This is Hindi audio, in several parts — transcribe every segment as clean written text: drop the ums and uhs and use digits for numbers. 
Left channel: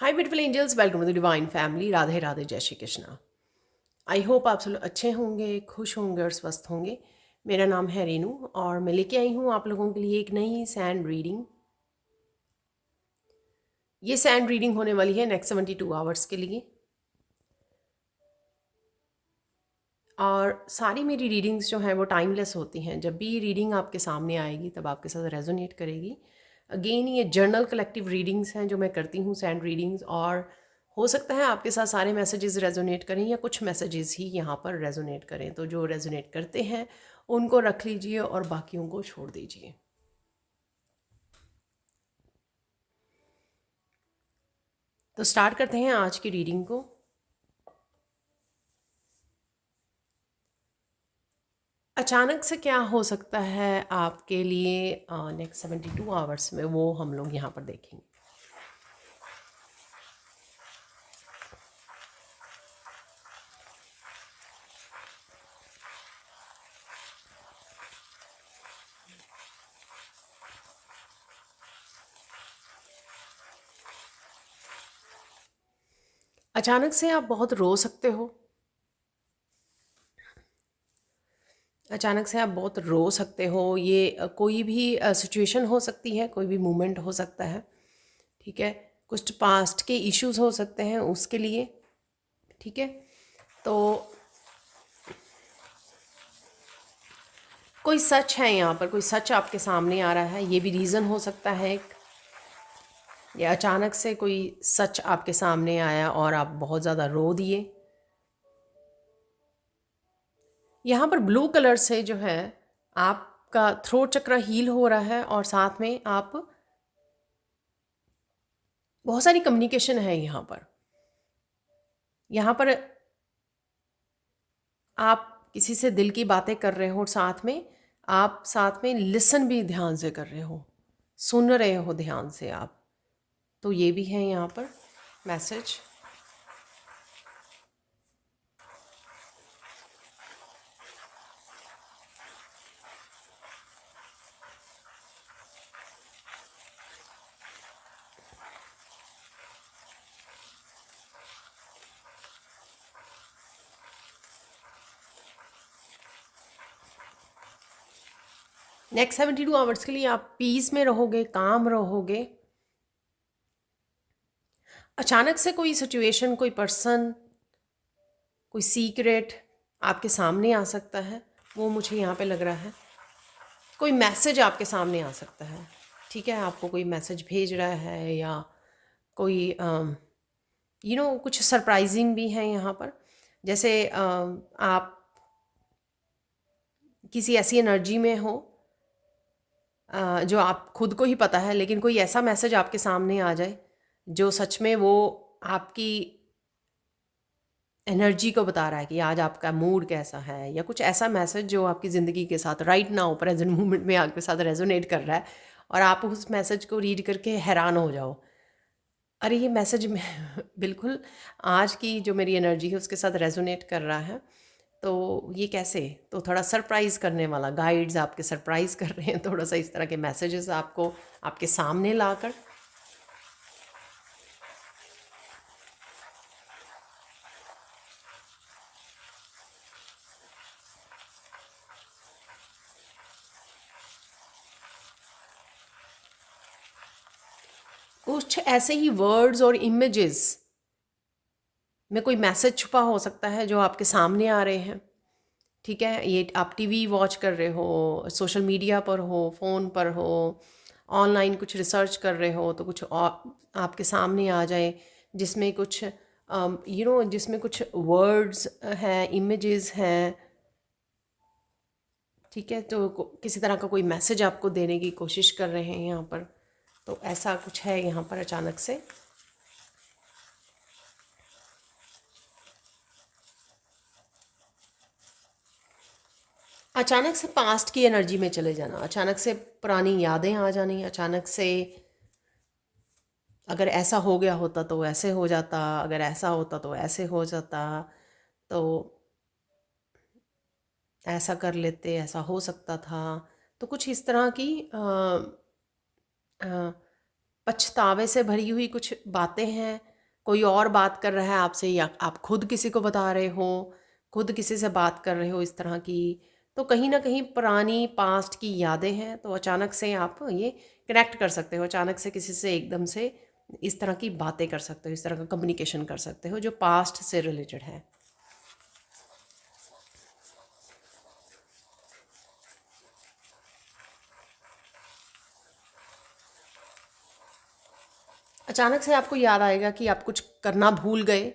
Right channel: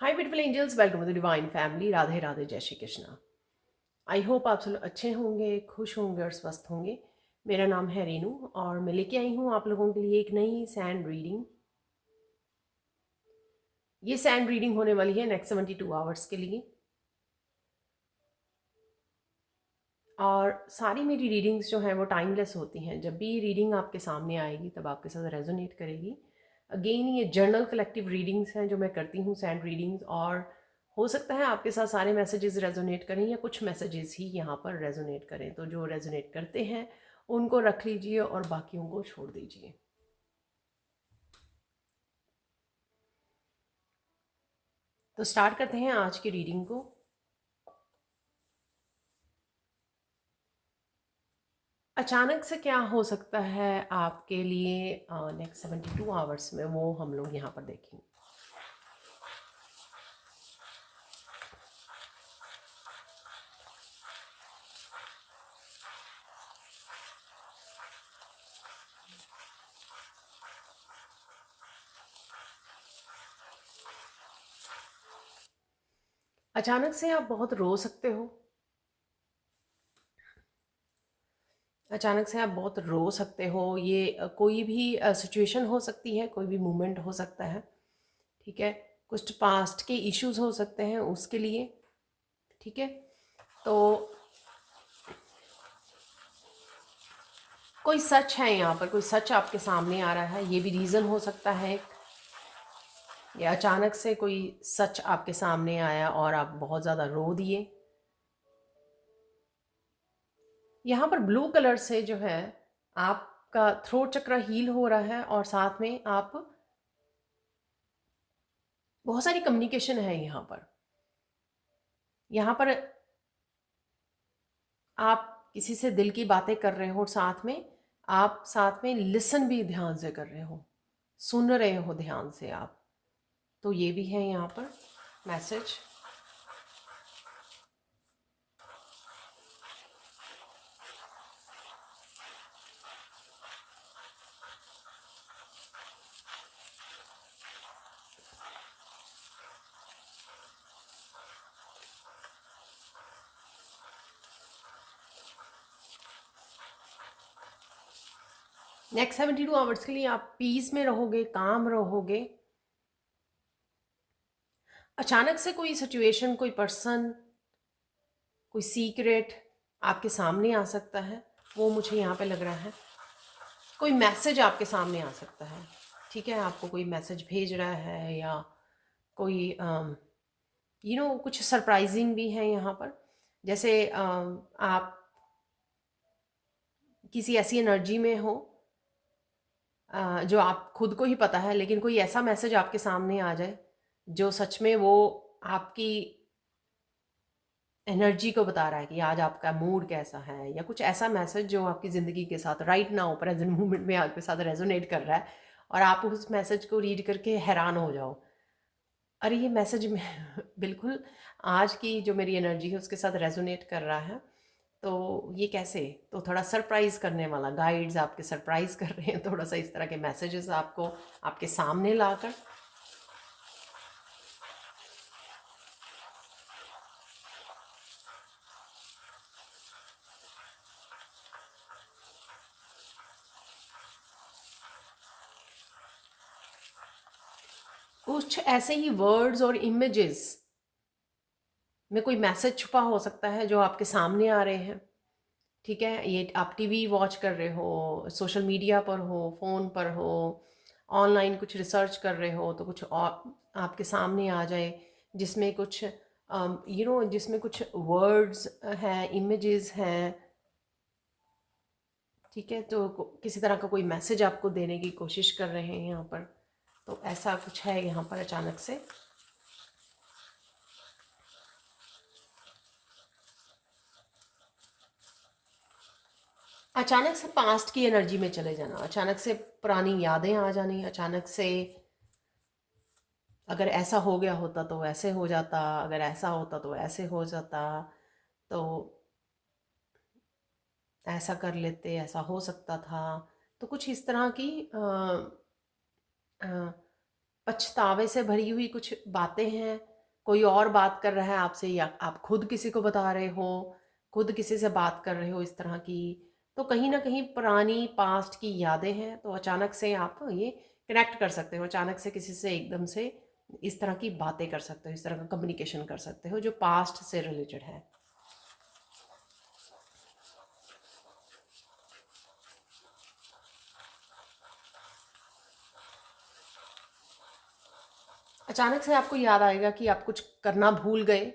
Hi beautiful angels, welcome to the divine family. Radhe Radhe, जय श्री कृष्णा। आई होप आप सब लोग अच्छे होंगे, खुश होंगे और स्वस्थ होंगे। मेरा नाम है रेनू और मैं लेके आई हूँ आप लोगों के लिए एक नई सैंड रीडिंग। ये सैंड रीडिंग होने वाली है नेक्स्ट 72 आवर्स के लिए। और सारी मेरी रीडिंग्स जो हैं वो टाइमलेस होती हैं। जब भी रीडिंग आपके सामने आएगी तब आपके साथ रेजोनेट करेगी। अगेन, ये जर्नल कलेक्टिव रीडिंग्स हैं जो मैं करती हूँ, सैंड रीडिंग्स। और हो सकता है आपके साथ सारे मैसेजेस रेजोनेट करें या कुछ मैसेजेस ही यहाँ पर रेजोनेट करें। तो जो रेजोनेट करते हैं उनको रख लीजिए और बाकियों को छोड़ दीजिए। तो स्टार्ट करते हैं आज की रीडिंग को। अचानक से क्या हो सकता है आपके लिए नेक्स्ट 72 आवर्स में, वो हम लोग यहाँ पर देखेंगे। अचानक से आप बहुत रो सकते हो। अचानक से आप बहुत रो सकते हो। ये कोई भी सिचुएशन हो सकती है, कोई भी मोमेंट हो सकता है। ठीक है, कुछ पास्ट के इश्यूज हो सकते हैं उसके लिए। ठीक है, तो कोई सच है यहाँ पर, कोई सच आपके सामने आ रहा है। ये भी रीज़न हो सकता है एक, या अचानक से कोई सच आपके सामने आया और आप बहुत ज़्यादा रो दिए। यहाँ पर ब्लू कलर से जो है आपका थ्रोट चक्र हील हो रहा है और साथ में आप बहुत सारी कम्युनिकेशन है यहाँ पर। यहाँ पर आप किसी से दिल की बातें कर रहे हो, साथ में आप साथ में लिसन भी ध्यान से कर रहे हो, सुन रहे हो ध्यान से आप। तो ये भी है यहाँ पर मैसेज। नेक्स्ट 72 आवर्स के लिए आप पीस में रहोगे, काम रहोगे। अचानक से कोई सिचुएशन, कोई पर्सन, कोई सीक्रेट आपके सामने आ सकता है, वो मुझे यहाँ पे लग रहा है। कोई मैसेज आपके सामने आ सकता है। ठीक है, आपको कोई मैसेज भेज रहा है या कोई कुछ सरप्राइजिंग भी है यहाँ पर। जैसे आप किसी ऐसी एनर्जी में हो जो आप खुद को ही पता है, लेकिन कोई ऐसा मैसेज आपके सामने आ जाए जो सच में वो आपकी एनर्जी को बता रहा है कि आज आपका मूड कैसा है, या कुछ ऐसा मैसेज जो आपकी ज़िंदगी के साथ राइट नाउ प्रेजेंट मोमेंट में आपके साथ रेजोनेट कर रहा है और आप उस मैसेज को रीड करके हैरान हो जाओ। अरे ये मैसेज में बिल्कुल आज की जो मेरी एनर्जी है उसके साथ रेजोनेट कर रहा है। तो ये कैसे? तो थोड़ा सरप्राइज़ करने वाला, गाइड्स आपके सरप्राइज़ कर रहे हैं थोड़ा सा इस तरह के मैसेजेस आपको आपके सामने लाकर। कुछ ऐसे ही वर्ड्स और इमेजेस में कोई मैसेज छुपा हो सकता है जो आपके सामने आ रहे हैं। ठीक है, ये आप टीवी वॉच कर रहे हो, सोशल मीडिया पर हो, फ़ोन पर हो, ऑनलाइन कुछ रिसर्च कर रहे हो, तो कुछ आपके सामने आ जाए जिसमें कुछ जिसमें कुछ वर्ड्स हैं, इमेजेस हैं। ठीक है, तो किसी तरह का कोई मैसेज आपको देने की कोशिश कर रहे हैं यहाँ पर। तो ऐसा कुछ है यहाँ पर अचानक से। अचानक से पास्ट की एनर्जी में चले जाना, अचानक से पुरानी यादें आ जानी, अचानक से अगर ऐसा हो गया होता तो ऐसे हो जाता, अगर ऐसा होता तो ऐसे हो जाता, तो ऐसा कर लेते, ऐसा हो सकता था। तो कुछ इस तरह की पछतावे से भरी हुई कुछ बातें हैं, कोई और बात कर रहा है आपसे या आप खुद किसी को बता रहे हो, खुद किसी से बात कर रहे हो इस तरह की, तो कहीं न कहीं पुरानी पास्ट की यादें हैं, तो अचानक से आप ये कनेक्ट कर सकते हो, अचानक से किसी से एकदम से इस तरह की बातें कर सकते हो, इस तरह का कम्युनिकेशन कर सकते हो जो पास्ट से रिलेटेड है। अचानक से आपको याद आएगा कि आप कुछ करना भूल गए,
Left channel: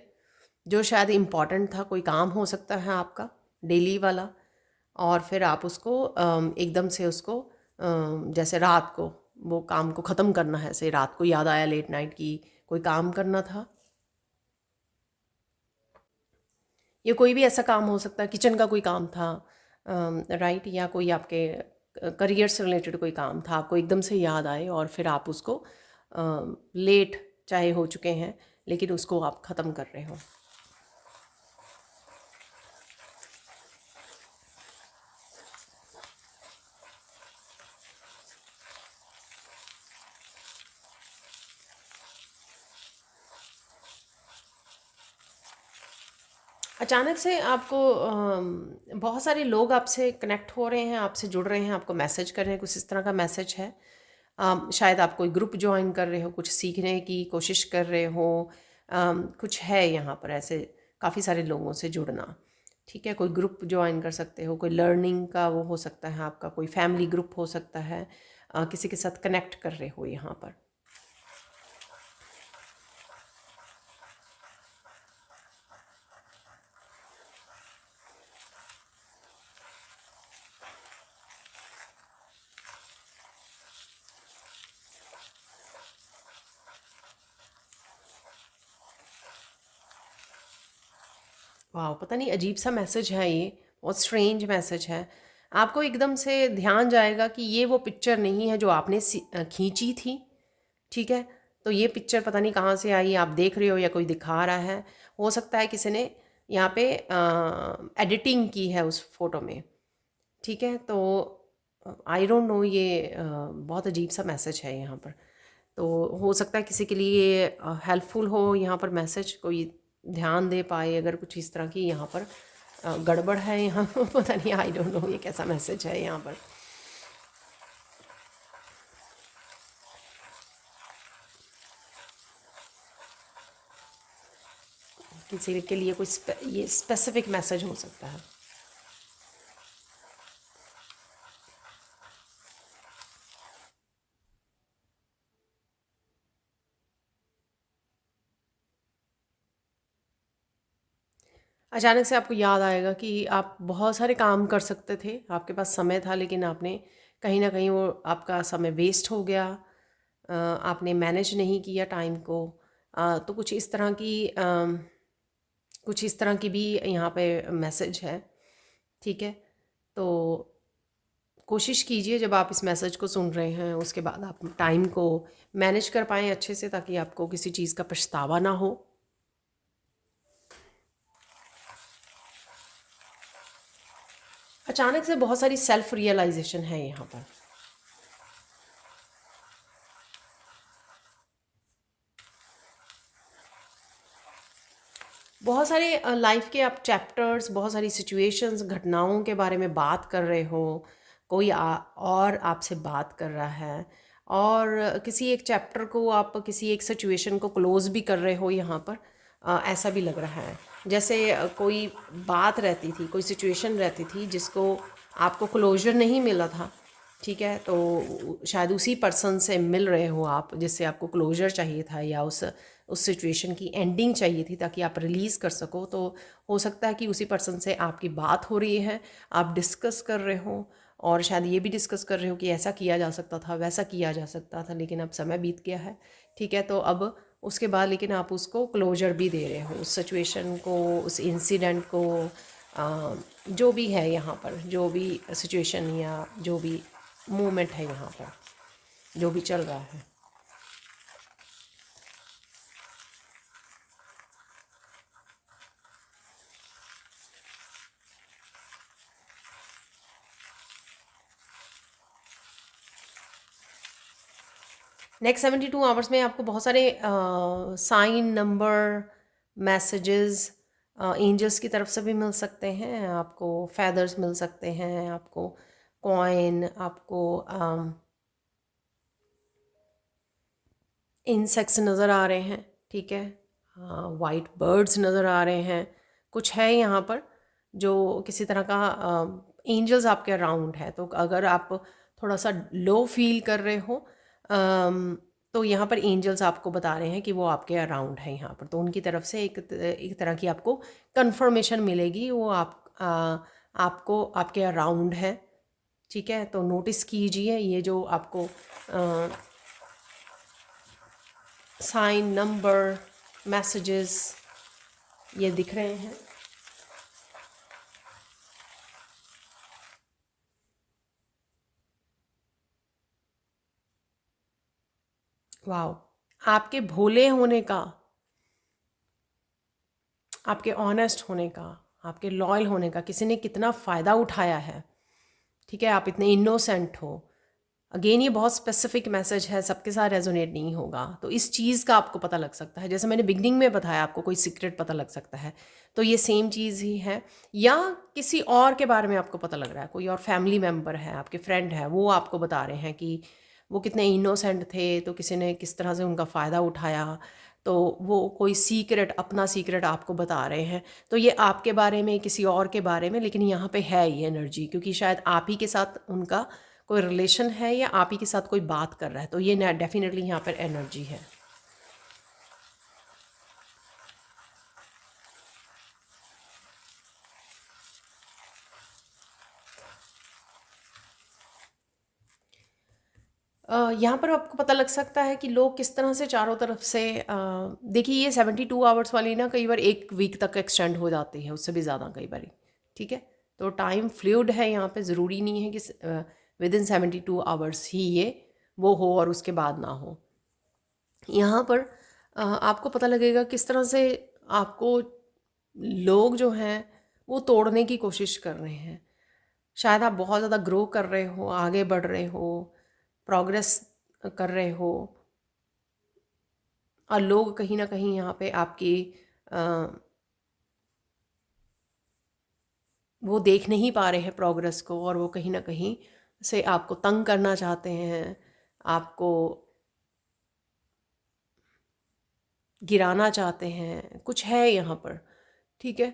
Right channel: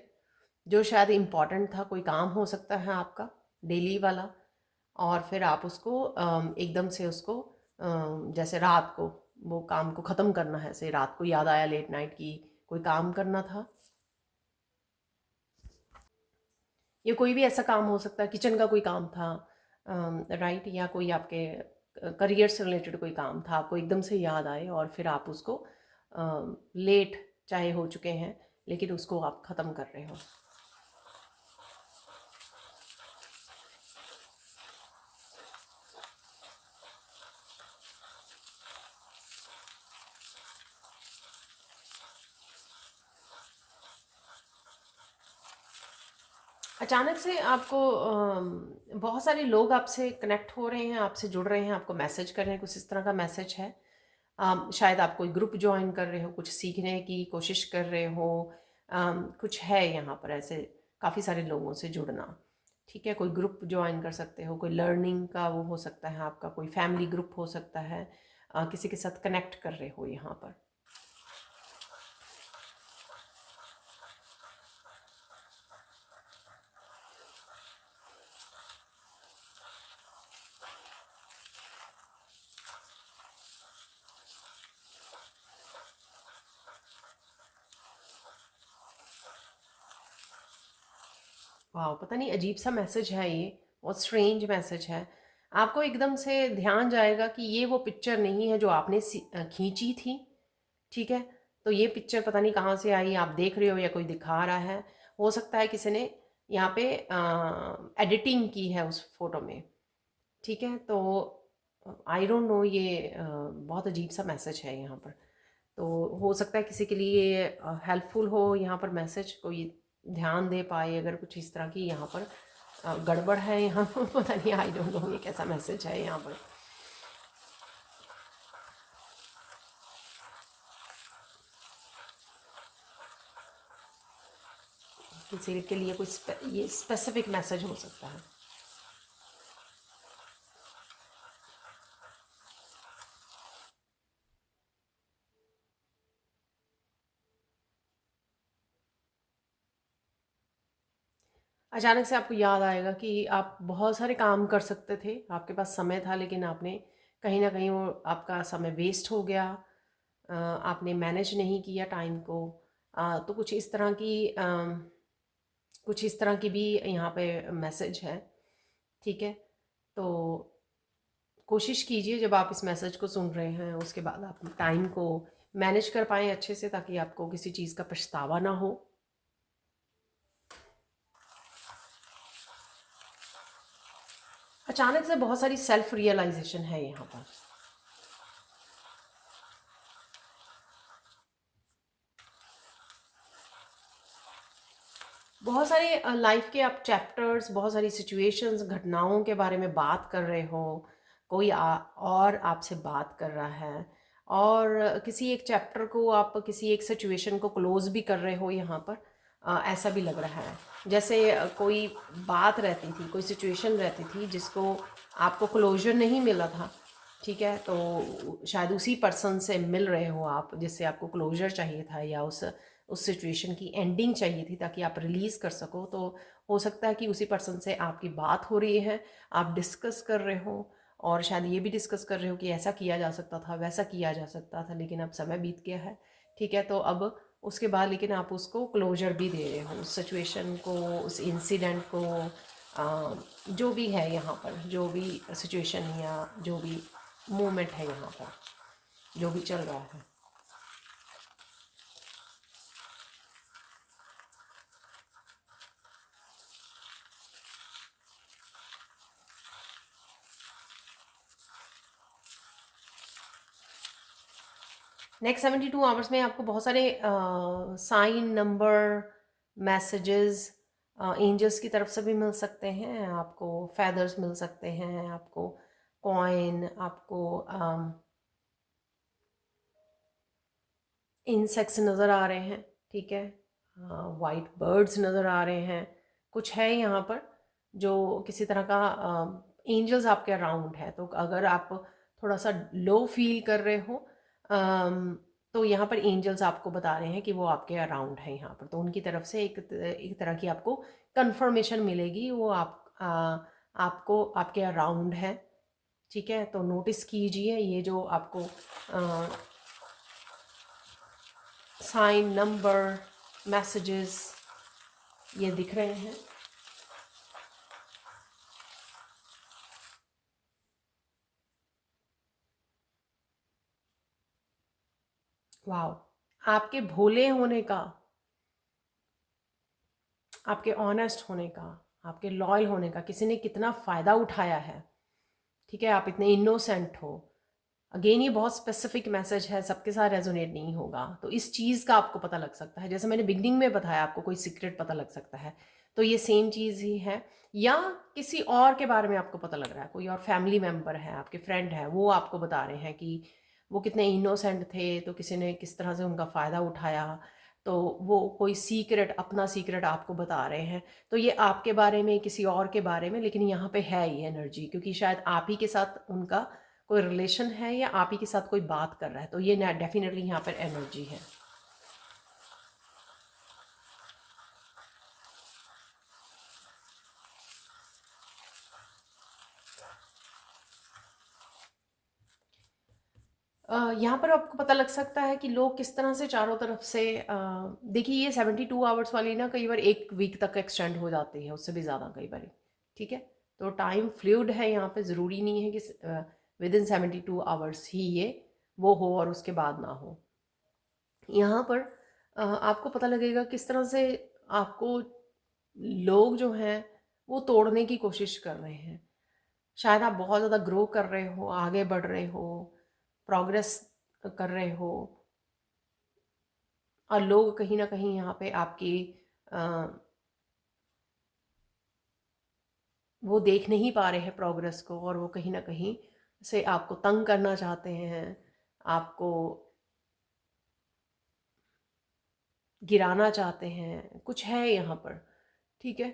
जो शायद इम्पोर्टेंट था, कोई काम हो सकता है आपका डेली वाला, और फिर आप उसको एकदम से उसको जैसे रात को वो काम को ख़त्म करना है, ऐसे रात को याद आया लेट नाइट की कोई काम करना था, या कोई भी ऐसा काम हो सकता है, किचन का कोई काम था, राइट, या कोई आपके करियर से रिलेटेड कोई काम था, आपको एकदम से याद आए और फिर आप उसको लेट चाहे हो चुके हैं लेकिन उसको आप ख़त्म कर रहे हो। अचानक से आपको बहुत सारे लोग आपसे कनेक्ट हो रहे हैं, आपसे जुड़ रहे हैं, आपको मैसेज कर रहे हैं, कुछ इस तरह का मैसेज है। शायद आप कोई ग्रुप ज्वाइन कर रहे हो, कुछ सीखने की कोशिश कर रहे हो, कुछ है यहाँ पर ऐसे काफ़ी सारे लोगों से जुड़ना। ठीक है, कोई ग्रुप ज्वाइन कर सकते हो, कोई लर्निंग का वो हो सकता है आपका, कोई फैमिली ग्रुप हो सकता है, किसी के साथ कनेक्ट कर रहे हो यहाँ पर। वाह! पता नहीं अजीब सा मैसेज है ये, बहुत स्ट्रेंज मैसेज है। आपको एकदम से ध्यान जाएगा कि ये वो पिक्चर नहीं है जो आपने खींची थी, ठीक है? तो ये पिक्चर पता नहीं कहाँ से आई, आप देख रहे हो या कोई दिखा रहा है। हो सकता है किसी ने यहाँ पे एडिटिंग की है उस फ़ोटो में, ठीक है? तो आई डोंट नो, ये बहुत अजीब सा मैसेज है यहाँ पर। तो हो सकता है किसी के लिए हेल्पफुल हो यहाँ पर मैसेज, कोई ध्यान दे पाए अगर कुछ इस तरह की यहाँ पर गड़बड़ है यहाँ पता नहीं, आई डोंट नो ये कैसा मैसेज है यहाँ पर। किसी के लिए कोई ये स्पेसिफिक मैसेज हो सकता है। अचानक से आपको याद आएगा कि आप बहुत सारे काम कर सकते थे, आपके पास समय था, लेकिन आपने कहीं ना कहीं वो आपका समय वेस्ट हो गया, आपने मैनेज नहीं किया टाइम को। तो कुछ इस तरह की भी यहाँ पे मैसेज है, ठीक है? तो कोशिश कीजिए जब आप इस मैसेज को सुन रहे हैं उसके बाद आप टाइम को मैनेज कर पाएँ अच्छे से, ताकि आपको किसी चीज़ का पछतावा ना हो। अचानक से बहुत सारी सेल्फ रियलाइजेशन है यहाँ पर। बहुत सारे लाइफ के आप चैप्टर्स, बहुत सारी सिचुएशंस, घटनाओं के बारे में बात कर रहे हो, कोई और आपसे बात कर रहा है, और किसी एक चैप्टर को आप किसी एक सिचुएशन को क्लोज भी कर रहे हो यहाँ पर। ऐसा भी लग रहा है जैसे कोई बात रहती थी, कोई सिचुएशन रहती थी जिसको आपको क्लोजर नहीं मिला था, ठीक है? तो शायद उसी पर्सन से मिल रहे हो आप जिससे आपको क्लोजर चाहिए था, या उस सिचुएशन की एंडिंग चाहिए थी ताकि आप रिलीज़ कर सको। तो हो सकता है कि उसी पर्सन से आपकी बात हो रही है, आप डिस्कस कर रहे हो, और शायद ये भी डिस्कस कर रहे हो कि ऐसा किया जा सकता था, वैसा किया जा सकता था, लेकिन अब समय बीत गया है, ठीक है? तो अब उसके बाद लेकिन आप उसको क्लोजर भी दे रहे हो, उस सिचुएशन को, उस इंसिडेंट को, जो भी है यहाँ पर, जो भी सिचुएशन या जो भी मोमेंट है यहाँ पर, जो भी चल रहा है। नेक्स्ट 72 आवर्स में आपको बहुत सारे साइन, नंबर, मैसेजेस एंजल्स की तरफ से भी मिल सकते हैं, आपको फेदर्स मिल सकते हैं, आपको कॉइन, आपको इंसेक्ट्स नज़र आ रहे हैं, ठीक है, वाइट बर्ड्स नज़र आ रहे हैं, कुछ है यहाँ पर जो किसी तरह का एंजल्स आपके अराउंड है। तो अगर आप थोड़ा सा लो फील कर रहे हो तो यहाँ पर एंजल्स आपको बता रहे हैं कि वो आपके अराउंड है यहाँ पर, तो उनकी तरफ से एक तरह की आपको कंफर्मेशन मिलेगी, वो आपको आपके अराउंड है, ठीक है। तो नोटिस कीजिए ये जो आपको साइन, नंबर, मैसेजेस ये दिख रहे हैं। वाह, आपके भोले होने का, आपके ऑनेस्ट होने का, आपके लॉयल होने का किसी ने कितना फ़ायदा उठाया है, ठीक है। आप इतने इनोसेंट हो। अगेन ये बहुत स्पेसिफिक मैसेज है, सबके साथ रेजोनेट नहीं होगा, तो इस चीज़ का आपको पता लग सकता है। जैसे मैंने बिगनिंग में बताया आपको कोई सीक्रेट पता लग सकता है, तो ये सेम चीज़ ही है। या किसी और के बारे में आपको पता लग रहा है, कोई और फैमिली मेम्बर है, आपके फ्रेंड है, वो आपको बता रहे हैं कि वो कितने इनोसेंट थे, तो किसी ने किस तरह से उनका फ़ायदा उठाया, तो वो कोई सीक्रेट, अपना सीक्रेट आपको बता रहे हैं। तो ये आपके बारे में, किसी और के बारे में, लेकिन यहाँ पे है ये एनर्जी, क्योंकि शायद आप ही के साथ उनका कोई रिलेशन है या आप ही के साथ कोई बात कर रहा है, तो ये डेफिनेटली यहाँ पर एनर्जी है। यहाँ पर आपको पता लग सकता है कि लोग किस तरह से चारों तरफ से देखिए ये 72 आवर्स वाली ना कई बार 1 वीक तक एक्सटेंड हो जाती है, उससे भी ज़्यादा कई बार, ठीक है। तो टाइम फ्लूइड है, यहाँ पे ज़रूरी नहीं है कि विद इन 72 आवर्स ही ये वो हो और उसके बाद ना हो। यहाँ पर आपको पता लगेगा किस तरह से आपको लोग जो हैं वो तोड़ने की कोशिश कर रहे हैं। शायद आप बहुत ज़्यादा ग्रो कर रहे हो, आगे बढ़ रहे हो, प्रोग्रेस कर रहे हो, और लोग कहीं ना कहीं यहाँ पे आपकी अ, वो देख नहीं पा रहे हैं प्रोग्रेस को, और वो कहीं ना कहीं से आपको तंग करना चाहते हैं, आपको गिराना चाहते हैं, कुछ है यहाँ पर, ठीक है।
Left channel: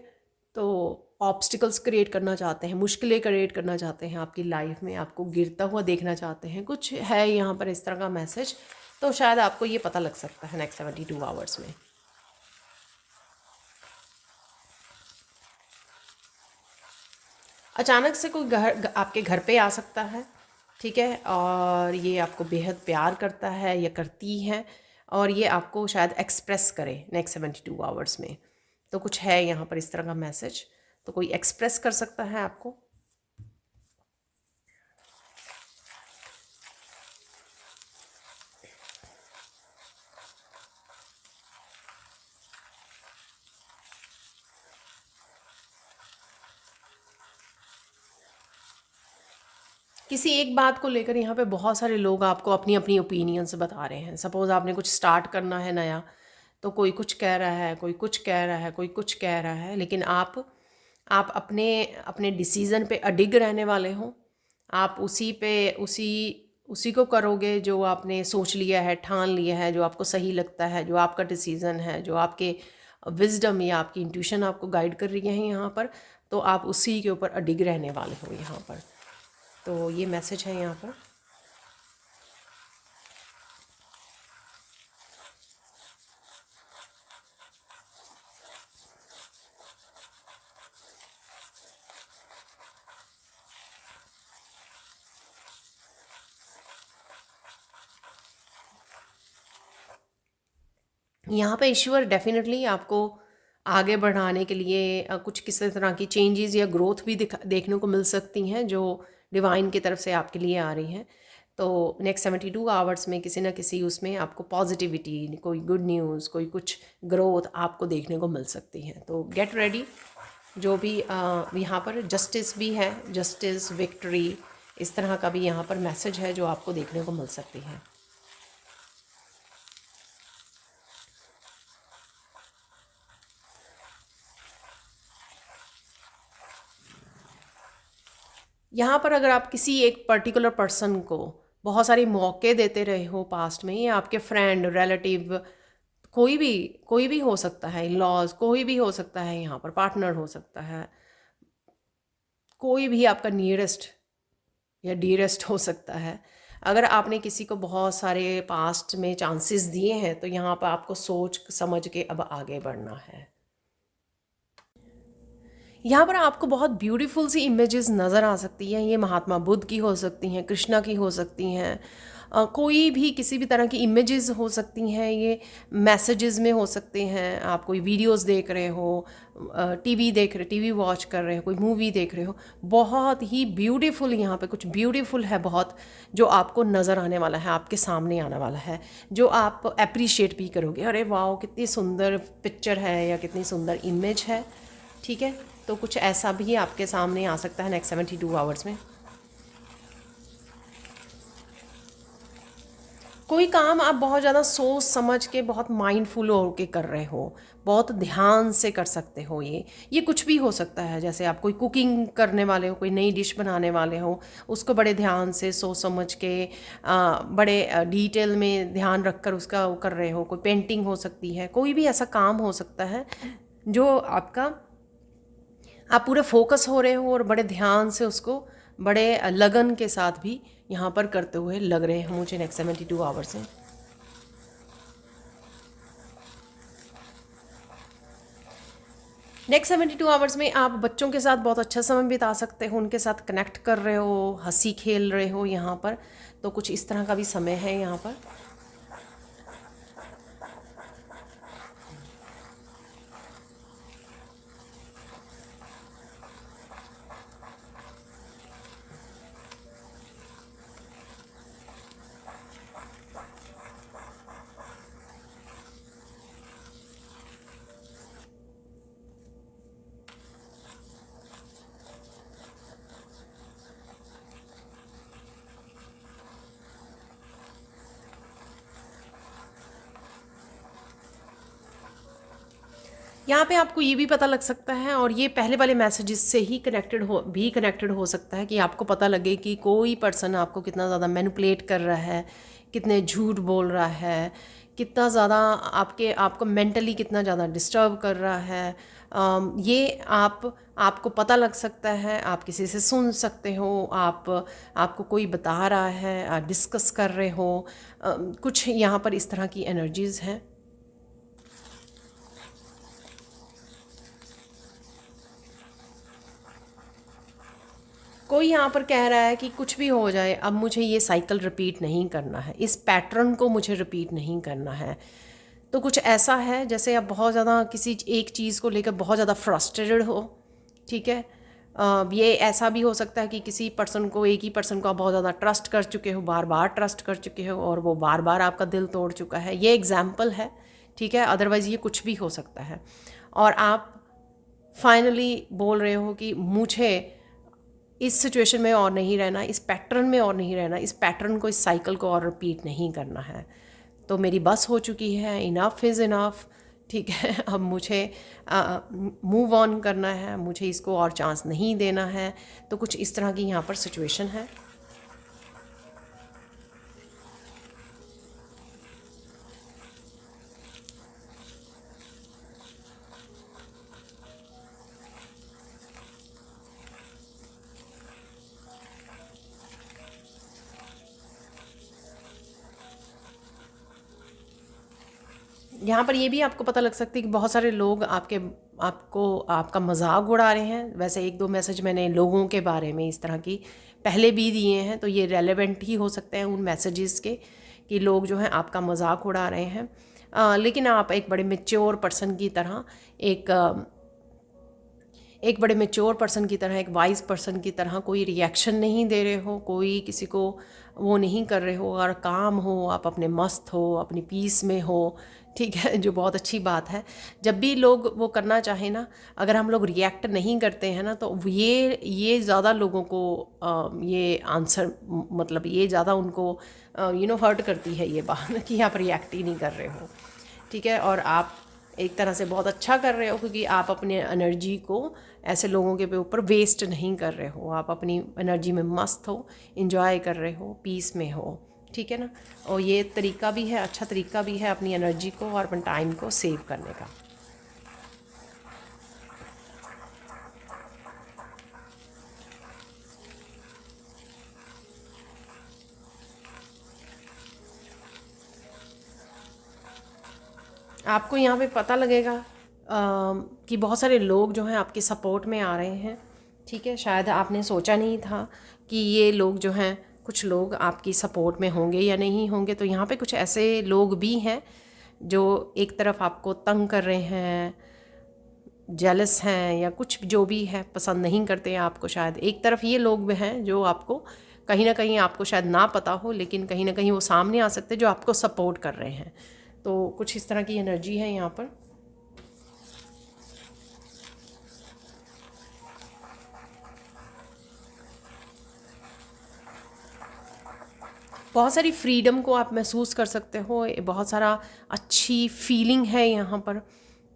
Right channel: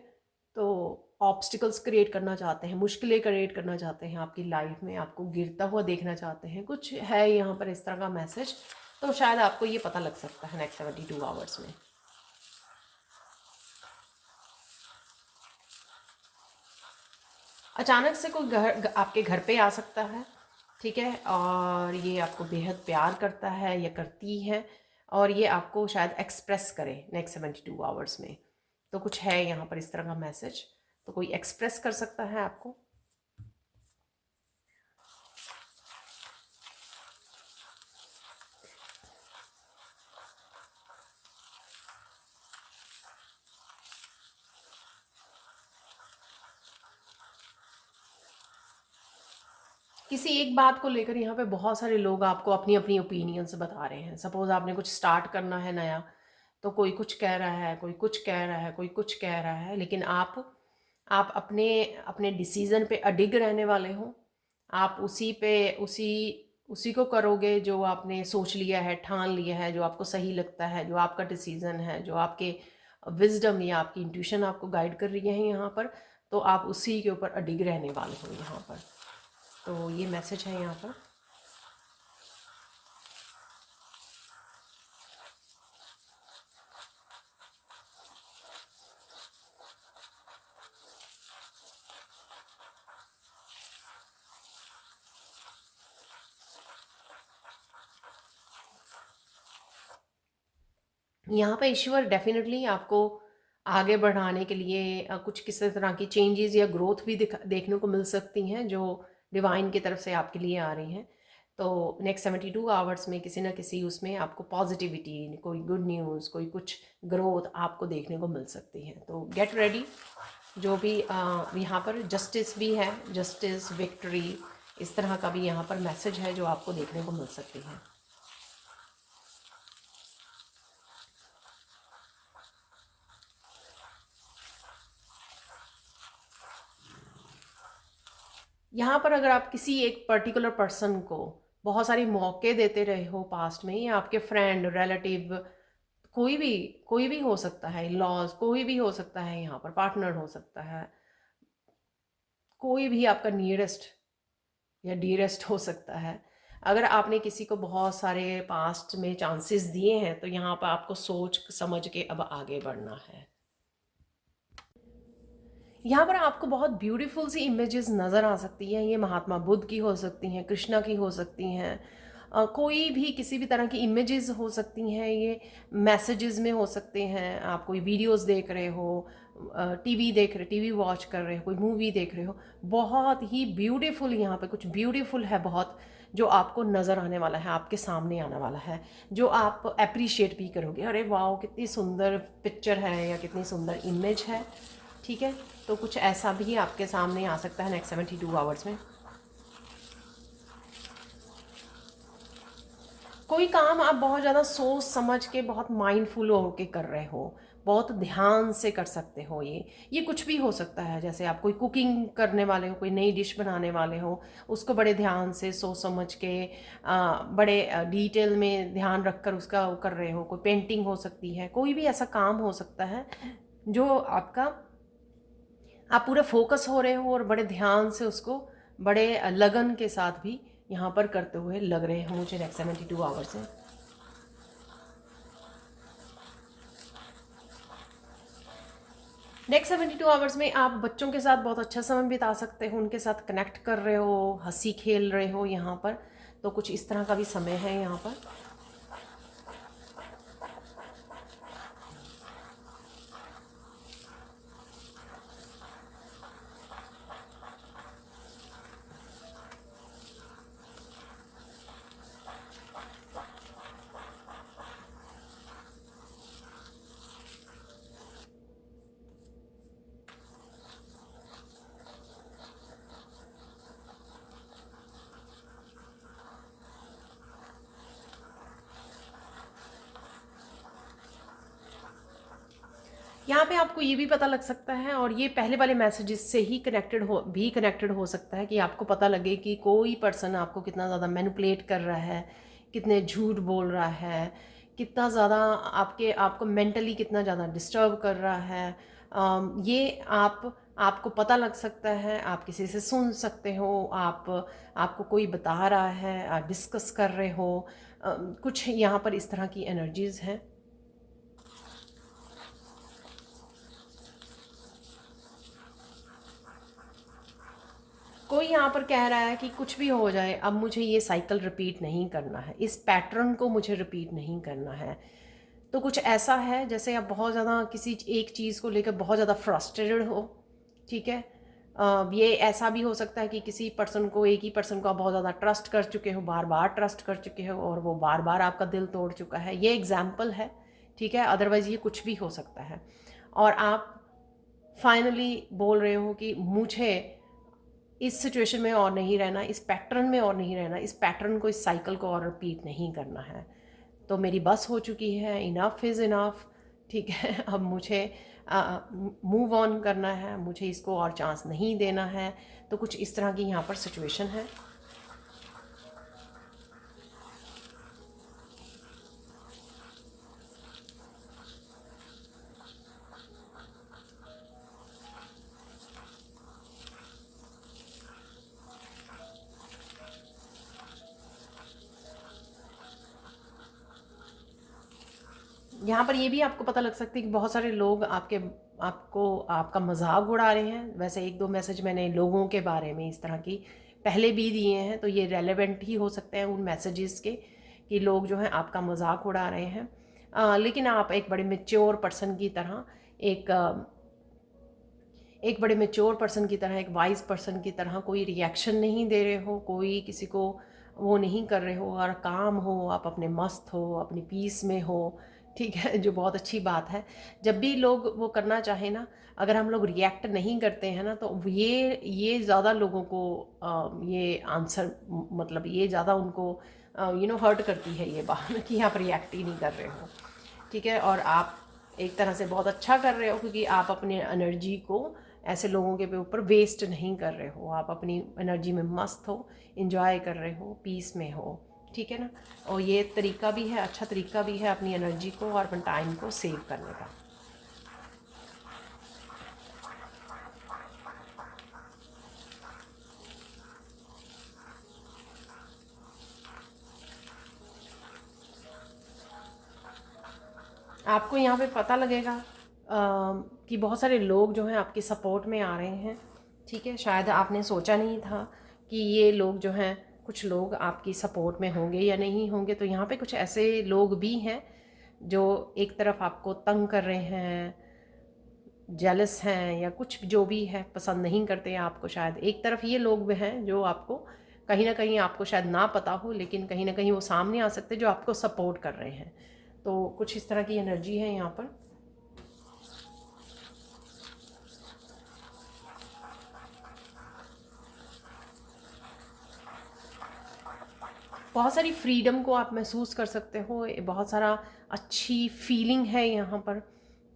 तो ऑब्स्टिकल्स क्रिएट करना चाहते हैं, मुश्किलें क्रिएट करना चाहते हैं आपकी लाइफ में, आपको गिरता हुआ देखना चाहते हैं, कुछ है यहाँ पर इस तरह का मैसेज। तो शायद आपको ये पता लग सकता है नेक्स्ट 72 आवर्स में। अचानक से कोई आपके घर पे आ सकता है, ठीक है, और ये आपको बेहद प्यार करता है या करती है, और ये आपको शायद एक्सप्रेस करे नेक्स्ट 72 आवर्स में। तो कुछ है यहाँ पर इस तरह का मैसेज, तो कोई एक्सप्रेस कर सकता है आपको। किसी एक बात को लेकर यहाँ पे बहुत सारे लोग आपको अपनी अपनी ओपिनियंस बता रहे हैं। सपोज़ आपने कुछ स्टार्ट करना है नया, तो कोई कुछ कह रहा है, कोई कुछ कह रहा है, कोई कुछ कह रहा है, लेकिन आप अपने अपने डिसीज़न पे अडिग रहने वाले हो। आप उसी पे उसी उसी को करोगे जो आपने सोच लिया है, ठान लिया है, जो आपको सही लगता है, जो आपका डिसीज़न है, जो आपके विज़डम या आपकी इंट्यूशन आपको गाइड कर रही है यहाँ पर, तो आप उसी के ऊपर अडिग रहने वाले हो यहाँ पर। तो ये मैसेज है यहाँ पर। यहाँ पे ईश्वर डेफिनेटली आपको आगे बढ़ाने के लिए कुछ किसी तरह की चेंजेस या ग्रोथ भी देखने को मिल सकती हैं, जो डिवाइन की तरफ से आपके लिए आ रही हैं। तो नेक्स्ट 72 आवर्स में किसी ना किसी उसमें आपको पॉजिटिविटी, कोई गुड न्यूज़, कोई कुछ ग्रोथ आपको देखने को मिल सकती है। तो गेट रेडी। जो भी यहाँ पर जस्टिस भी है, जस्टिस, विक्ट्री, इस तरह का भी यहाँ पर मैसेज है जो आपको देखने को मिल सकती है। यहाँ पर अगर आप किसी एक पर्टिकुलर पर्सन को बहुत सारे मौके देते रहे हो पास्ट में, या आपके फ्रेंड, रिलेटिव, कोई भी कोई भी हो सकता है, लॉज कोई भी हो सकता है, यहाँ पर पार्टनर हो सकता है, कोई भी आपका नियरेस्ट या डियरेस्ट हो सकता है। अगर आपने किसी को बहुत सारे पास्ट में चांसेस दिए हैं, तो यहाँ पर आपको सोच समझ के अब आगे बढ़ना है। यहाँ पर आपको बहुत ब्यूटीफुल सी इमेजेस नज़र आ सकती हैं। ये महात्मा बुद्ध की हो सकती हैं, कृष्णा की हो सकती हैं, कोई भी किसी भी तरह की इमेजेस हो सकती हैं। ये मैसेजेस में हो सकते हैं। आप कोई वीडियोस देख रहे हो, टीवी वॉच कर रहे हो, कोई मूवी देख रहे हो, बहुत ही ब्यूटीफुल यहाँ पे कुछ ब्यूटीफुल है बहुत, जो आपको नज़र आने वाला है, आपके सामने आने वाला है, जो आप अप्रिशिएट भी करोगे। अरे वाह, कितनी सुंदर पिक्चर है या कितनी सुंदर इमेज है। ठीक है, तो कुछ ऐसा भी आपके सामने आ सकता है नेक्स्ट 72 आवर्स में। कोई काम आप बहुत ज़्यादा सोच समझ के, बहुत माइंडफुल होके कर रहे हो, बहुत ध्यान से कर सकते हो। ये कुछ भी हो सकता है। जैसे आप कोई कुकिंग करने वाले हो, कोई नई डिश बनाने वाले हो, उसको बड़े ध्यान से सोच समझ के बड़े डिटेल में ध्यान रख कर उसका वो कर रहे हो। कोई पेंटिंग हो सकती है, कोई भी ऐसा काम हो सकता है जो आपका, आप पूरे फोकस हो रहे हो और बड़े ध्यान से उसको बड़े लगन के साथ भी यहाँ पर करते हुए लग रहे हैं मुझे नेक्स्ट 72 आवर्स में। नेक्स्ट 72 आवर्स में आप बच्चों के साथ बहुत अच्छा समय बिता सकते हो, उनके साथ कनेक्ट कर रहे हो, हंसी खेल रहे हो यहाँ पर। तो कुछ इस तरह का भी समय है यहाँ पर। यहाँ पे आपको ये भी पता लग सकता है, और ये पहले वाले मैसेजेस से ही कनेक्टेड हो सकता है, कि आपको पता लगे कि कोई पर्सन आपको कितना ज़्यादा मैनिपुलेट कर रहा है, कितने झूठ बोल रहा है, कितना ज़्यादा आपको मेंटली कितना ज़्यादा डिस्टर्ब कर रहा है। ये आपको पता लग सकता है, आप किसी से सुन सकते हो, आपको कोई बता रहा है, आप डिस्कस कर रहे हो। कुछ यहाँ पर इस तरह की एनर्जीज़ हैं। कोई यहाँ पर कह रहा है कि कुछ भी हो जाए, अब मुझे ये साइकिल रिपीट नहीं करना है, इस पैटर्न को मुझे रिपीट नहीं करना है। तो कुछ ऐसा है जैसे आप बहुत ज़्यादा किसी एक चीज़ को लेकर बहुत ज़्यादा फ्रस्ट्रेटेड हो। ठीक है, ये ऐसा भी हो सकता है कि किसी पर्सन को, एक ही पर्सन को आप बहुत ज़्यादा ट्रस्ट कर चुके हो, बार बार ट्रस्ट कर चुके हो, और वो बार बार आपका दिल तोड़ चुका है। ये एग्जाम्पल है। ठीक है, अदरवाइज़ ये कुछ भी हो सकता है। और आप फाइनली बोल रहे हो कि मुझे इस सिचुएशन में और नहीं रहना, इस पैटर्न में और नहीं रहना, इस पैटर्न को, इस साइकिल को और रिपीट नहीं करना है। तो मेरी बस हो चुकी है, इनफ इज़ इनफ। ठीक है, अब मुझे मूव ऑन करना है, मुझे इसको और चांस नहीं देना है। तो कुछ इस तरह की यहाँ पर सिचुएशन है। यहाँ पर ये भी आपको पता लग सकती है कि बहुत सारे लोग आपका मजाक उड़ा रहे हैं। वैसे एक दो मैसेज मैंने लोगों के बारे में इस तरह की पहले भी दिए हैं, तो ये रेलेवेंट ही हो सकते हैं उन मैसेजेस के, कि लोग जो हैं आपका मजाक उड़ा रहे हैं। लेकिन आप एक बड़े मेच्योर पर्सन की तरह, एक बड़े मेच्योर पर्सन की तरह, एक वाइज पर्सन की तरह कोई रिएक्शन नहीं दे रहे हो, कोई किसी को वो नहीं कर रहे हो, और काम हो, आप अपने मस्त हो, अपनी पीस में हो। ठीक है, जो बहुत अच्छी बात है। जब भी लोग वो करना चाहें ना, अगर हम लोग रिएक्ट नहीं करते हैं ना, तो ये ज़्यादा लोगों को ये आंसर, मतलब ये ज़्यादा उनको हर्ट करती है ये बात कि आप रिएक्ट ही नहीं कर रहे हो। ठीक है, और आप एक तरह से बहुत अच्छा कर रहे हो, क्योंकि आप अपने एनर्जी को ऐसे लोगों के ऊपर वेस्ट नहीं कर रहे हो, आप अपनी एनर्जी में मस्त हो, इंजॉय कर रहे हो, पीस में हो, ठीक है ना। और ये तरीका भी है, अच्छा तरीका भी है अपनी एनर्जी को और अपने टाइम को सेव करने का। आपको यहाँ पे पता लगेगा कि बहुत सारे लोग जो हैं आपकी सपोर्ट में आ रहे हैं, ठीक है। शायद आपने सोचा नहीं था कि ये लोग जो हैं, कुछ लोग आपकी सपोर्ट में होंगे या नहीं होंगे। तो यहाँ पे कुछ ऐसे लोग भी हैं जो एक तरफ आपको तंग कर रहे हैं, जेलस हैं, या कुछ जो भी है, पसंद नहीं करते हैं आपको। शायद एक तरफ ये लोग भी हैं जो आपको कहीं ना कहीं, आपको शायद ना पता हो, लेकिन कहीं ना कहीं वो सामने आ सकते हैं जो आपको सपोर्ट कर रहे हैं। तो कुछ इस तरह की एनर्जी है यहाँ पर। बहुत सारी फ्रीडम को आप महसूस कर सकते हो, बहुत सारा अच्छी फीलिंग है यहाँ पर,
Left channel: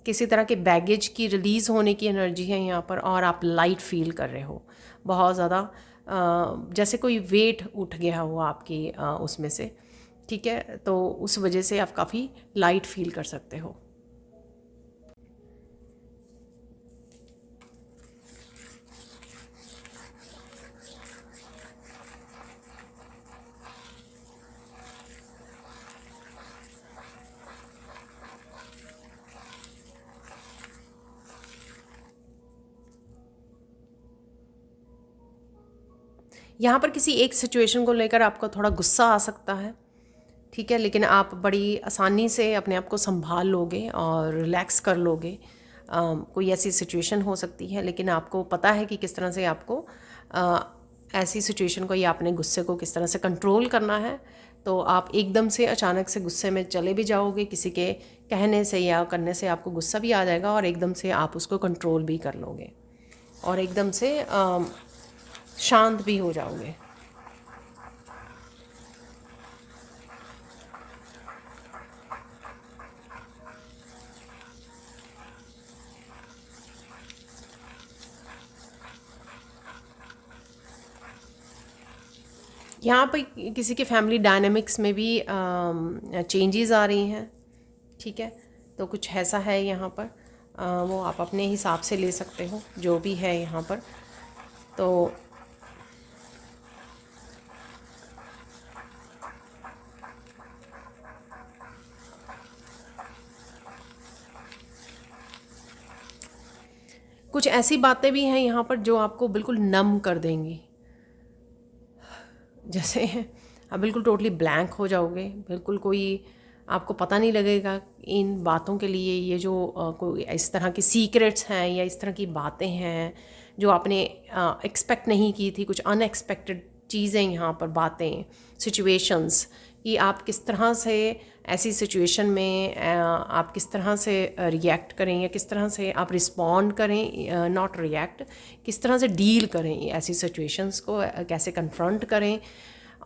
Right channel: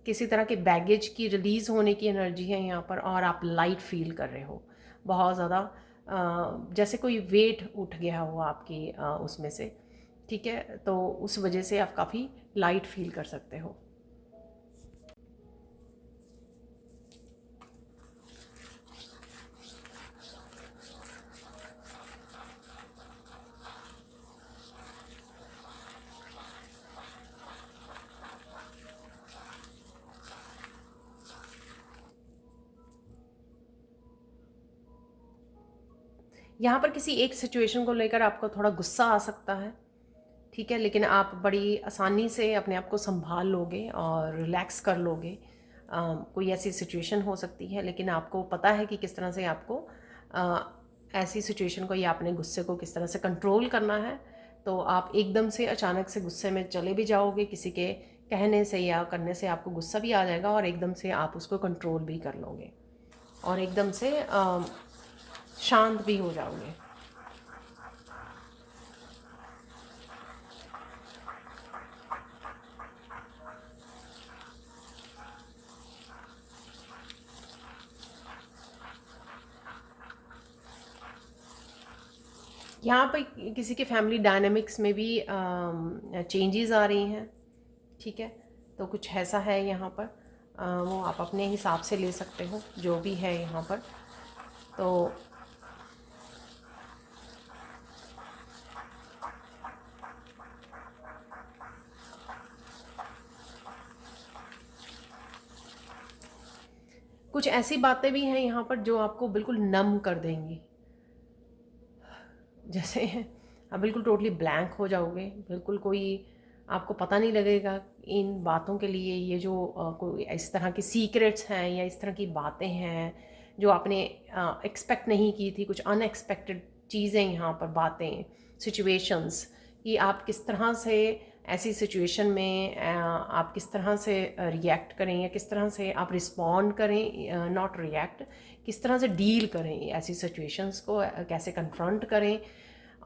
किसी तरह के बैगेज की रिलीज़ होने की एनर्जी है यहाँ पर, और आप लाइट फील कर रहे हो बहुत ज़्यादा, जैसे कोई वेट उठ गया हो आपकी उसमें से, ठीक है। तो उस वजह से आप काफ़ी लाइट फील कर सकते हो। यहाँ पर किसी एक सिचुएशन को लेकर आपको थोड़ा गुस्सा आ सकता है, ठीक है, लेकिन आप बड़ी आसानी से अपने आप को संभाल लोगे और रिलैक्स कर लोगे। कोई ऐसी सिचुएशन हो सकती है, लेकिन आपको पता है कि किस तरह से आपको अ, ऐसी सिचुएशन को या अपने गुस्से को किस तरह से कंट्रोल करना है। तो आप एकदम से अचानक से गुस्से में चले भी जाओगे, किसी के कहने से या करने से आपको गुस्सा भी आ जाएगा, और एकदम से आप उसको कंट्रोल भी कर लोगे, और एकदम से शांत भी हो जाओगे। यहाँ पे किसी के फैमिली डायनामिक्स में भी चेंजेस आ रही हैं, ठीक है। तो कुछ ऐसा है यहाँ पर, वो आप अपने हिसाब से ले सकते हो जो भी है यहाँ पर। तो कुछ ऐसी बातें भी हैं यहाँ पर जो आपको बिल्कुल नम कर देंगी, जैसे आप बिल्कुल टोटली ब्लैंक हो जाओगे, बिल्कुल कोई आपको पता नहीं लगेगा इन बातों के लिए। ये जो कोई इस तरह की सीक्रेट्स हैं या इस तरह की बातें हैं जो आपने एक्सपेक्ट नहीं की थी, कुछ अनएक्सपेक्टेड चीज़ें यहाँ पर, बातें, सिचुएशंस, कि आप किस तरह से ऐसी सिचुएशन में आप किस तरह से रिएक्ट करें, या किस तरह से आप रिस्पॉन्ड करें, नॉट रिएक्ट, किस तरह से डील करें ऐसी सिचुएशंस को, कैसे कन्फ्रंट करें,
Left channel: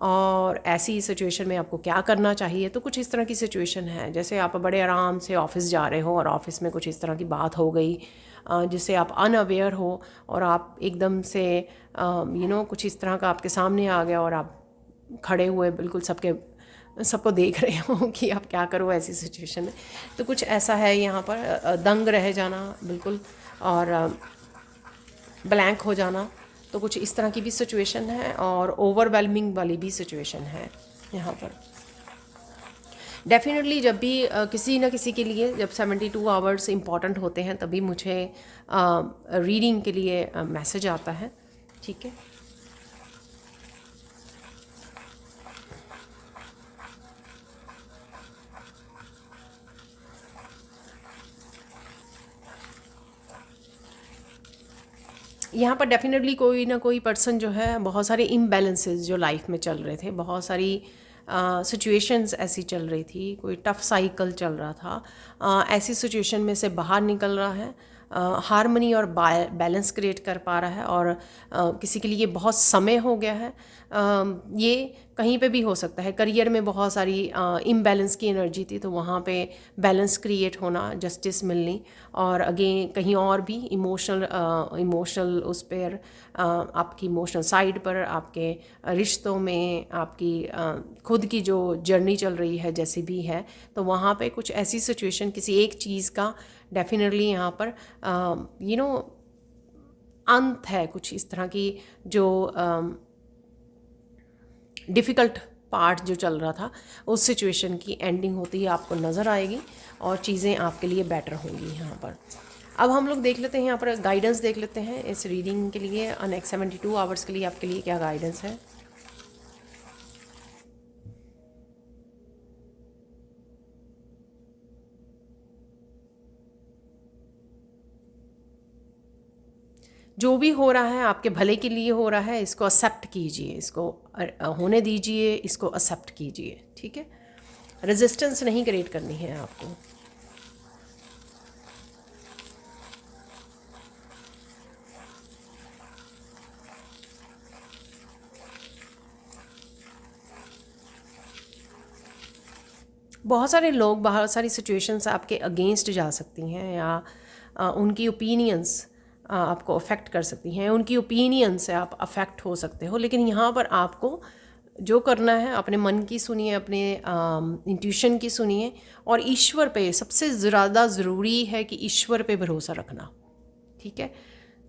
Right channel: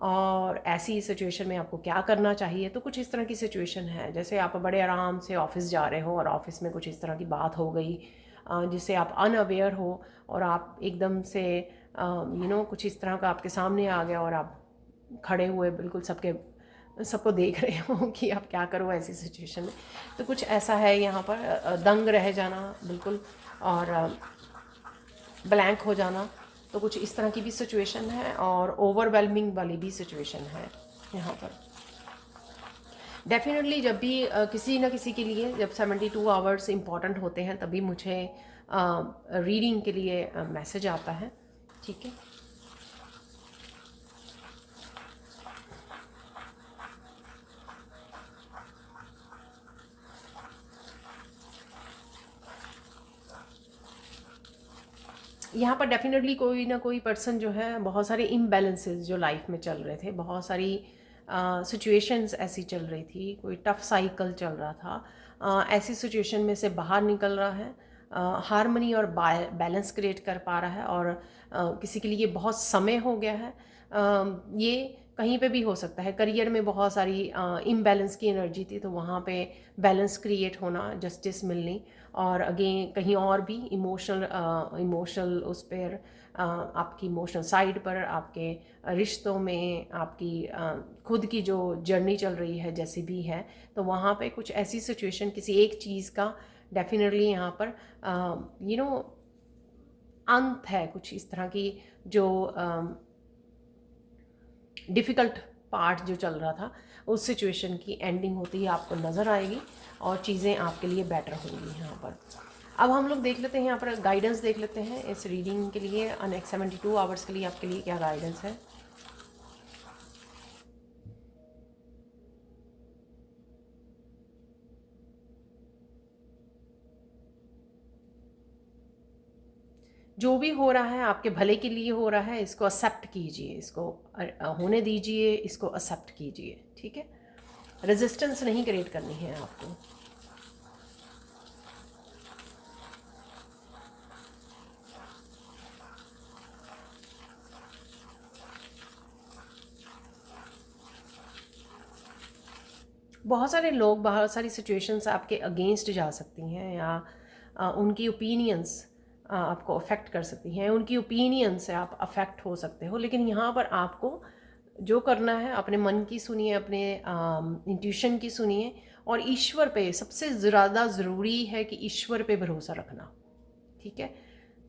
और ऐसी सिचुएशन में आपको क्या करना चाहिए। तो कुछ इस तरह की सिचुएशन है, जैसे आप बड़े आराम से ऑफिस जा रहे हो और ऑफिस में कुछ इस तरह की बात हो गई जिससे आप अनअवेयर हो, और आप एकदम से कुछ इस तरह का आपके सामने आ गया, और आप खड़े हुए बिल्कुल सबको देख रहे हो कि आप क्या करो ऐसी सिचुएशन में। तो कुछ ऐसा है यहाँ पर, दंग रह जाना बिल्कुल, और ब्लैंक हो जाना। तो कुछ इस तरह की भी सिचुएशन है, और ओवरवेलमिंग वाली भी सिचुएशन है यहाँ पर। डेफिनेटली जब भी किसी न किसी के लिए, जब 72 आवर्स इम्पॉर्टेंट होते हैं, तभी मुझे रीडिंग के लिए मैसेज आता है, ठीक है। यहाँ पर डेफिनेटली कोई ना कोई पर्सन जो है, बहुत सारे इम्बैलेंसेस जो लाइफ में चल रहे थे, बहुत सारी सिचुएशंस ऐसी चल रही थी, कोई टफ साइकिल चल रहा था, ऐसी सिचुएशन में से बाहर निकल रहा है, हार्मनी और बैलेंस क्रिएट कर पा रहा है, और किसी के लिए बहुत समय हो गया है। ये कहीं पे भी हो सकता है, करियर में बहुत सारी इम्बैलेंस की एनर्जी थी, तो वहाँ पे बैलेंस क्रिएट होना, जस्टिस मिलनी, और अगेन कहीं और भी इमोशनल उस पर आपकी इमोशनल साइड पर, आपके रिश्तों में, आपकी खुद की जो जर्नी चल रही है जैसी भी है, तो वहाँ पे कुछ ऐसी सिचुएशन किसी एक चीज़ का डेफिनेटली यहाँ पर अंत है, कुछ इस तरह की जो डिफ़िकल्ट पार्ट जो चल रहा था, उस सिचुएशन की एंडिंग होती है आपको नज़र आएगी, और चीज़ें आपके लिए बेटर होंगी यहाँ पर। अब हम लोग देख लेते हैं यहाँ पर गाइडेंस देख लेते हैं इस रीडिंग के लिए। नेक्स्ट 72 आवर्स के लिए आपके लिए क्या गाइडेंस है। जो भी हो रहा है आपके भले के लिए हो रहा है, इसको एक्सेप्ट कीजिए, इसको होने दीजिए, इसको एक्सेप्ट कीजिए, ठीक है। रेजिस्टेंस नहीं क्रिएट करनी है आपको। बहुत सारे लोग, बहुत सारी सिचुएशंस आपके अगेंस्ट जा सकती हैं, या उनकी ओपिनियंस आपको अफेक्ट कर सकती हैं, उनकी ओपिनियन से आप अफेक्ट हो सकते हो। लेकिन यहाँ पर आपको जो करना है, अपने मन की सुनिए, अपने इंट्यूशन की सुनिए, और ईश्वर पे सबसे ज़्यादा ज़रूरी है कि ईश्वर पे भरोसा रखना, ठीक है।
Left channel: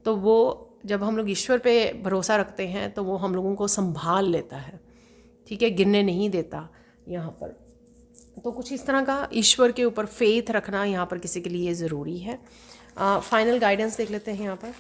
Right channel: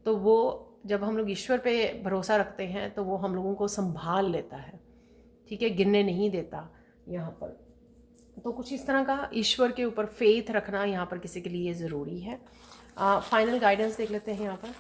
तो वो जब हम लोग ईश्वर पे भरोसा रखते हैं तो वो हम लोगों को संभाल लेता है, ठीक है, गिरने नहीं देता यहाँ पर। तो कुछ इस तरह का ईश्वर के ऊपर फेथ रखना यहाँ पर किसी के लिए ज़रूरी है। फाइनल गाइडेंस देख लेते हैं यहाँ पर।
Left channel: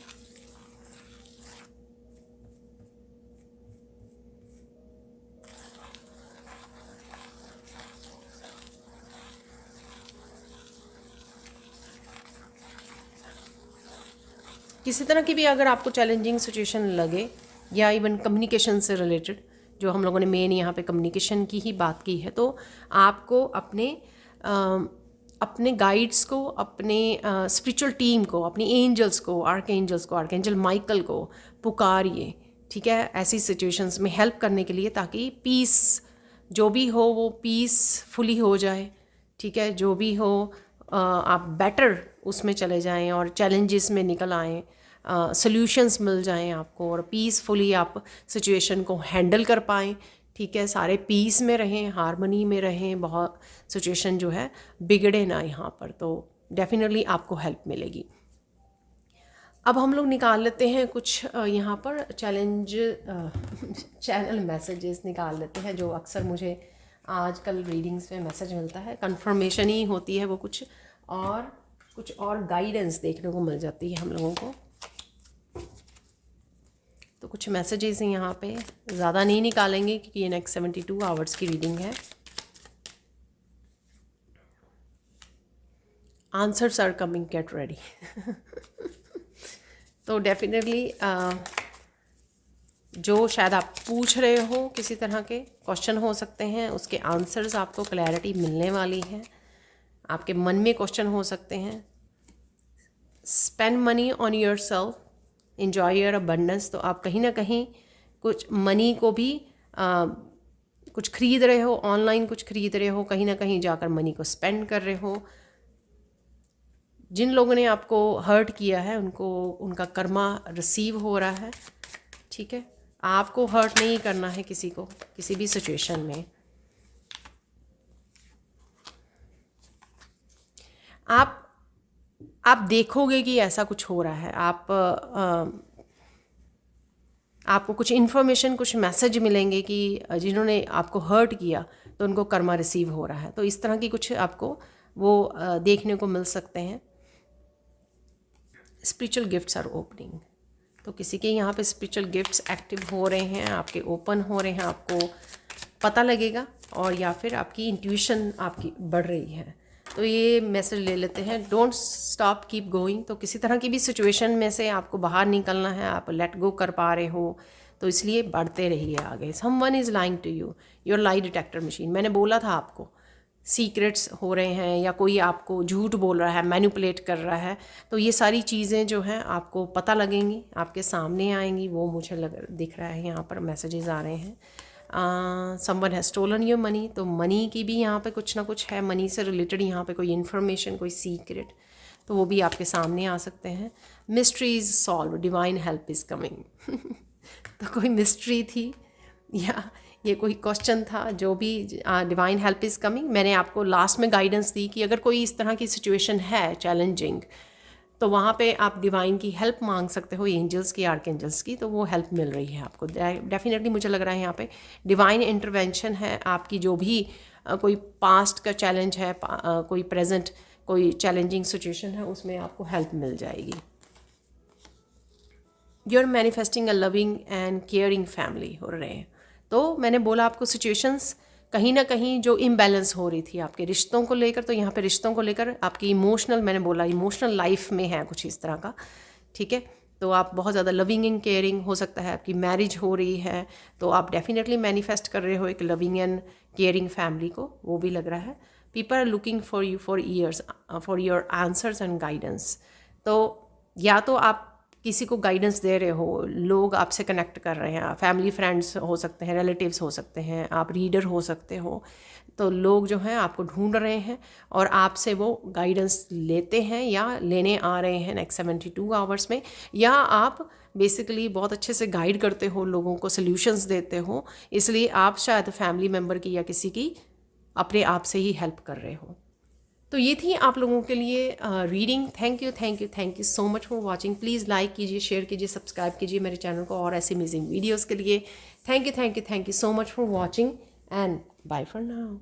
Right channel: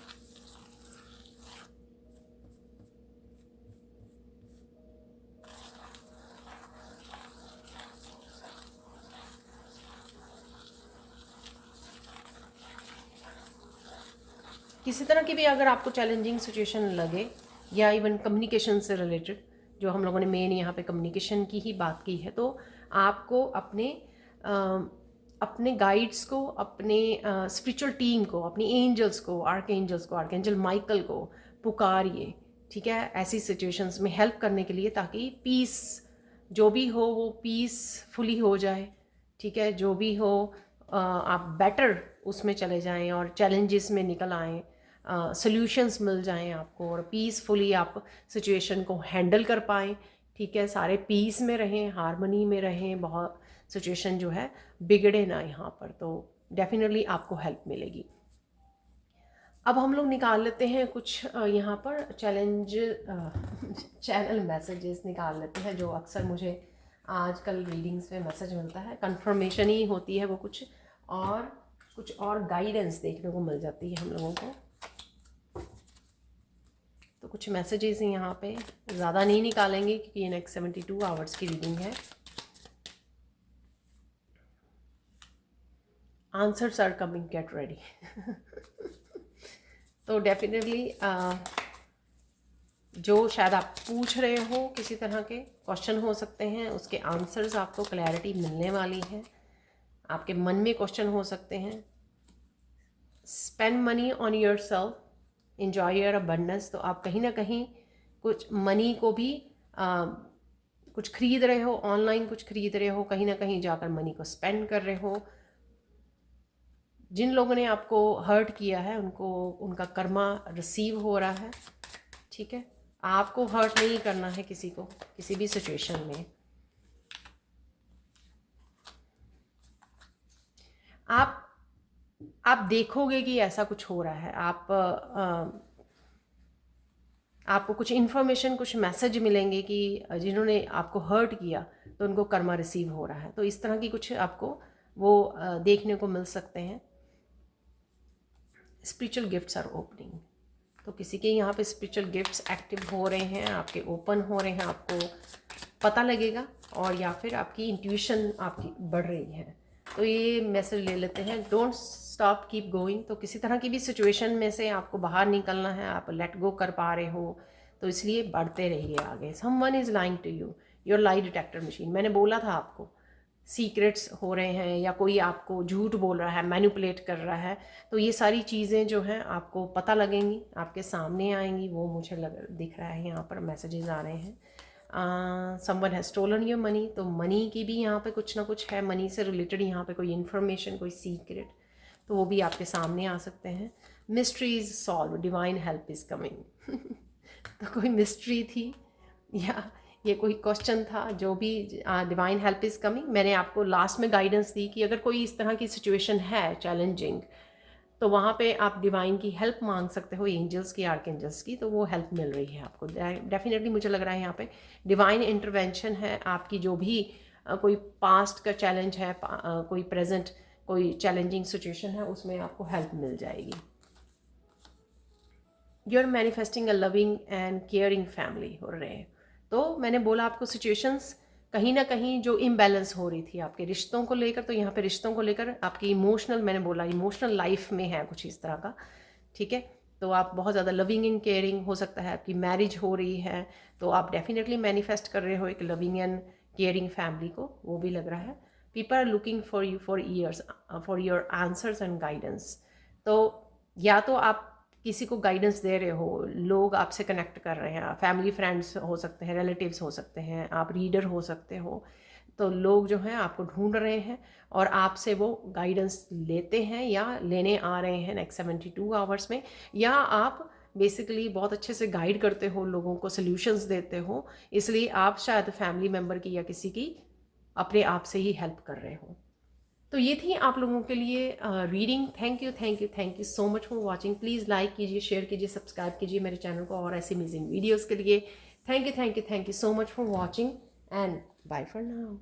किसी तरह की भी अगर आपको चैलेंजिंग सिचुएशन लगे, या इवन कम्युनिकेशन से रिलेटेड, जो हम लोगों ने मेन यहाँ पे कम्युनिकेशन की ही बात की है, तो आपको अपने गाइड्स को, अपने स्पिरिचुअल टीम को, अपनी एंजल्स को, आर्कएंजल माइकल को पुकारिए, ठीक है, ऐसी सिचुएशंस में हेल्प करने के लिए, ताकि पीस जो भी हो वो पीसफुली हो जाए, ठीक है। जो भी हो आप बेटर उसमें चले जाएं और चैलेंजेस में निकल आएँ, सॉल्यूशंस मिल जाएं आपको, और पीसफुली आप सिचुएशन को हैंडल कर पाएँ, ठीक है। सारे पीस में रहें, हारमोनी में रहें, बहुत सिचुएशन जो है बिगड़े ना यहाँ पर, तो डेफिनेटली आपको हेल्प मिलेगी। अब हम लोग निकाल लेते हैं कुछ यहाँ पर चैनल मैसेजेस निकाल लेते हैं, जो अक्सर मुझे आजकल रीडिंग्स में मैसेज मिलता है, कंफर्मेशन ही होती है वो, कुछ और गाइडेंस देखने को मिल जाती है हम लोगों को। तो कुछ मैसेजेस यहाँ पे ज़्यादा नहीं निकालेंगे क्योंकि ये नेक्स्ट 72 आवर्स की रीडिंग है। Answers are coming, get ready. तो डेफिनेटली जो शायद आप पूछ रहे हो, किसी तरह के क्वेश्चन हो सकते हैं, उसके आंसर्स आपको क्लैरिटी मिलने वाली है। आपके मन में क्वेश्चन हो सकते हैं। Spend money on your self, enjoy your abundance. तो आप कहीं ना कहीं कुछ मनी को भी कुछ खरीद रहे हो, ऑनलाइन कुछ खरीद रहे हो, कहीं ना कहीं जाकर मनी को स्पेंड कर रहे हो। जिन लोगों ने आपको हर्ट किया है उनको उनका कर्मा रिसीव हो रहा है, ठीक है। आपको हर्ट नहीं करना है किसी को, किसी भी सिचुएशन में। आप देखोगे कि ऐसा कुछ हो रहा है, आपको कुछ इन्फॉर्मेशन, कुछ मैसेज मिलेंगे कि जिन्होंने आपको हर्ट किया तो उनको कर्मा रिसीव हो रहा है। तो इस तरह की कुछ आपको वो देखने को मिल सकते हैं। स्पिरिचुअल गिफ्ट्स आर ओपनिंग, तो किसी के यहाँ पे स्पिरिचुअल गिफ्ट्स एक्टिव हो रहे हैं, आपके ओपन हो रहे हैं, आपको पता लगेगा, और या फिर आपकी इंट्यूशन आपकी बढ़ रही है। तो ये मैसेज ले लेते हैं, डोंट स्टॉप, कीप गोइंग। तो किसी तरह की भी सिचुएशन में से आपको बाहर निकलना है, आप लेट गो कर पा रहे हो, तो इसलिए बढ़ते रहिए आगे। Someone is lying to you, your lie detector machine. मैंने बोला था आपको, सीक्रेट्स हो रहे हैं या कोई आपको झूठ बोल रहा है, मैनिपुलेट कर रहा है, तो ये सारी चीज़ें जो हैं आपको पता लगेंगी, आपके सामने आएंगी। वो मुझे दिख रहा है यहाँ पर मैसेजेस आ रहे हैं। Someone has stolen your money, तो मनी की भी यहाँ पे कुछ ना कुछ है, मनी से रिलेटेड यहाँ पे कोई इन्फॉर्मेशन, कोई सीक्रेट, तो वो भी आपके सामने आ सकते हैं। Mystery is solve, divine help is coming. तो कोई मिस्ट्री थी या ये कोई क्वेश्चन था, जो भी डिवाइन हेल्प इज़ कमिंग। मैंने आपको लास्ट में गाइडेंस दी कि अगर कोई इस तरह की सिचुएशन है चैलेंजिंग, तो वहाँ पे आप डिवाइन की हेल्प मांग सकते हो, एंजल्स की, आर्क एंजल्स की, तो वो हेल्प मिल रही है आपको। डेफिनेटली मुझे लग रहा है यहाँ पे डिवाइन इंटरवेंशन है। आपकी जो भी कोई पास्ट का चैलेंज है, कोई प्रेजेंट कोई चैलेंजिंग सिचुएशन है, उसमें आपको हेल्प मिल जाएगी। You are manifesting a loving and caring family हो रहे हैं। तो मैंने बोला आपको सिचुएशंस कहीं ना कहीं जो इम्बैलेंस हो रही थी आपके रिश्तों को लेकर, तो यहाँ पे रिश्तों को लेकर आपकी इमोशनल, मैंने बोला इमोशनल लाइफ में है कुछ इस तरह का, ठीक है। तो आप बहुत ज़्यादा लविंग एंड केयरिंग, हो सकता है आपकी मैरिज हो रही है, तो आप डेफिनेटली मैनिफेस्ट कर रहे हो एक लविंग एंड केयरिंग फैमिली को, वो भी लग रहा है। People are looking for you for years for your answers and guidance. तो या तो आप किसी को गाइडेंस दे रहे हो, लोग आपसे कनेक्ट कर रहे हैं, फैमिली फ्रेंड्स हो सकते हैं, रिलेटिव्स हो सकते हैं, आप रीडर हो सकते हो, तो लोग जो हैं आपको ढूंढ रहे हैं और आपसे वो गाइडेंस लेते हैं या लेने आ रहे हैं नेक्स्ट 72 आवर्स में, या आप बेसिकली बहुत अच्छे से गाइड करते हो, लोगों को सल्यूशंस देते हो, इसलिए आप शायद फैमिली मेम्बर की या किसी की अपने आप से ही हेल्प कर रहे हो। तो ये थी आप लोगों के लिए reading. Thank you thank you thank you so much for watching. Please like कीजिए, शेयर कीजिए, सब्सक्राइब कीजिए मेरे चैनल को और ऐसे अमेजिंग वीडियोस के लिए। Thank you thank you thank you so much for watching and bye for now.